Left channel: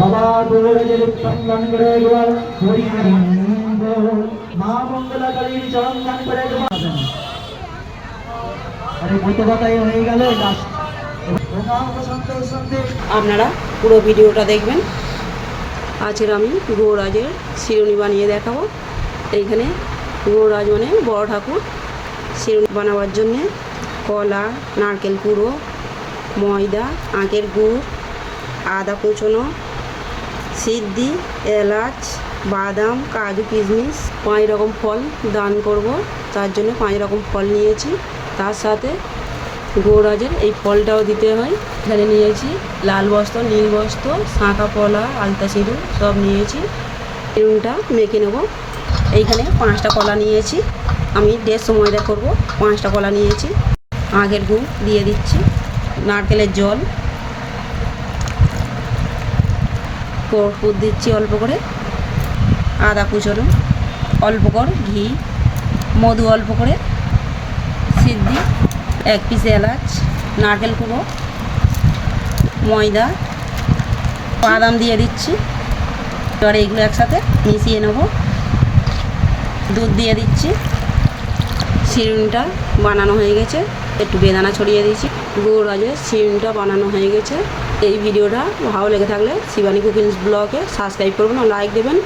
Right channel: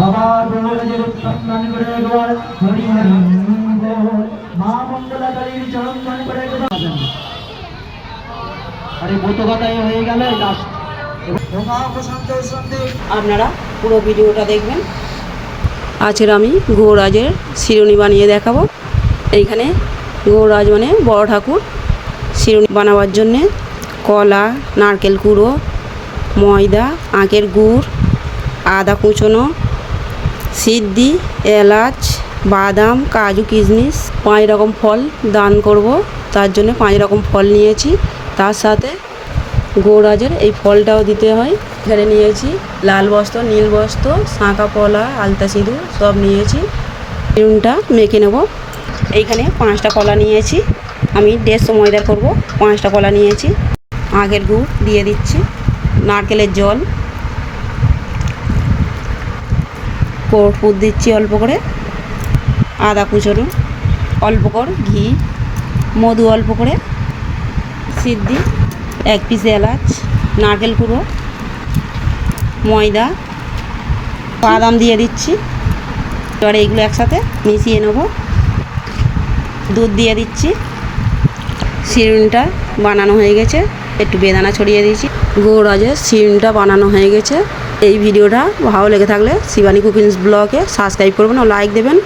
বাবা গৌরাজের চন্দন করে একবার হরি হরি মা মঙ্গলাকালীর চন্দন করে একবার আরে বোতগাতাই হয়ে গেল লাস্ট। আপনারা পুরো ভিডিওটা দেখবেন। আজকের আমি গৌরাজের শিরুনি বানিয়ে দেখাবো। এইখানে গৌরাজ মানে বড় ঠাকুর। শিরুনি বানাবার জন্যে কলা, নারকেল কুড়ো, ময়দা, আখের গুড়, আদা কুচনো, সিদ্ধি, এলাচ, বাদাম, কাজু, কিশমিশ, 5 রকম ফল দান করব, তার জন্য 5 রকম ফল নিয়েছি। তার সাথে গৌরাজের এই ফলটাও দিতে হয়। এখানে নিয়েছি লাল বস্ত্র, নীল বস্ত্র, শাঁখা পলা, আলতা সিঁদুর সব নিয়েছি। শিরুনিটা মেখে নেব। এইখানে 5টা কলা নিয়েছি, আমি 150 ময়দা করব। 5টা কলা নিয়েছি। আখের গুড় দিয়ে দিচ্ছি, নারকেলের জল, কর্পূর দিচ্ছি অল্প করে, আদা কুচনো অল্প করে, ঘি, মধু অল্প করে, সিদ্ধি, 1 পিস এলাচ, নারকেল কুড়ো, ময়দা, বাদাম দিয়ে দিচ্ছি। এবার এগুলো একসাথে মিশিয়ে নেব। দুধ দিয়ে দিচ্ছি। শিরুনিটা বানানো হয়ে গেছে, একটু বেদানা ছড়িয়ে দিয়েছি। গৌরাজের শিরুনিটা বানানো হয়ে গেছে। এই ভিডিওটা ভালো লেগে থাকলে শিবানী কুকিংস ব্লগে সাবস্ক্রাইব করবেন ও লাইক দেবেন।